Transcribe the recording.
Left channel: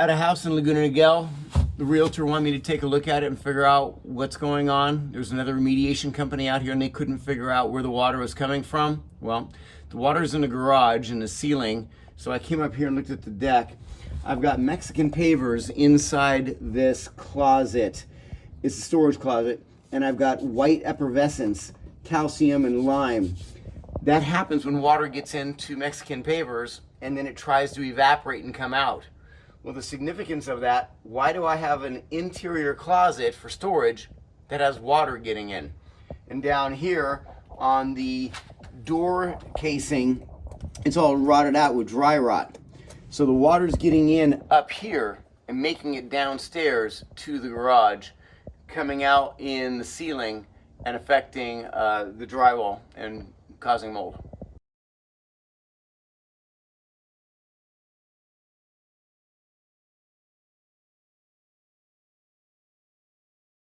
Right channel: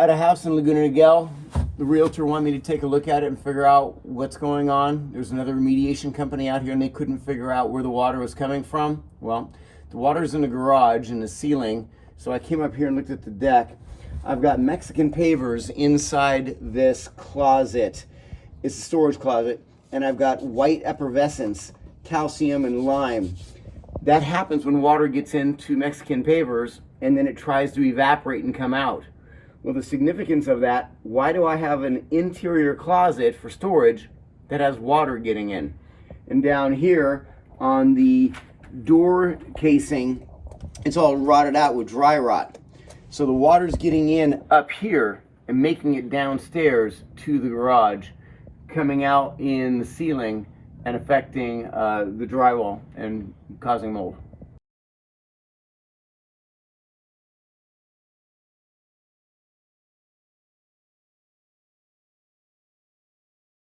at a house in Laguna Niguel. The realtor wanted me to take a look at it and figure out what's going on. There's another remediation company out here and they couldn't figure out where the water was coming from. Well, the water's in the garage, in the ceiling. So I came up here and looked at the deck. I've got Mexican pavers inside this closet. It's a storage closet. And I've got white effervescence, calcium and lime. That happens when water gets into Mexican pavers and then it tries to evaporate and come out. Well, the significance of that, why do I have an interior closet for storage that has water getting in? And down here on the door casing, it's all rotted out with dry rot. So the water's getting in up here and making it downstairs to the garage, coming out in the ceiling and affecting the drywall and causing mold.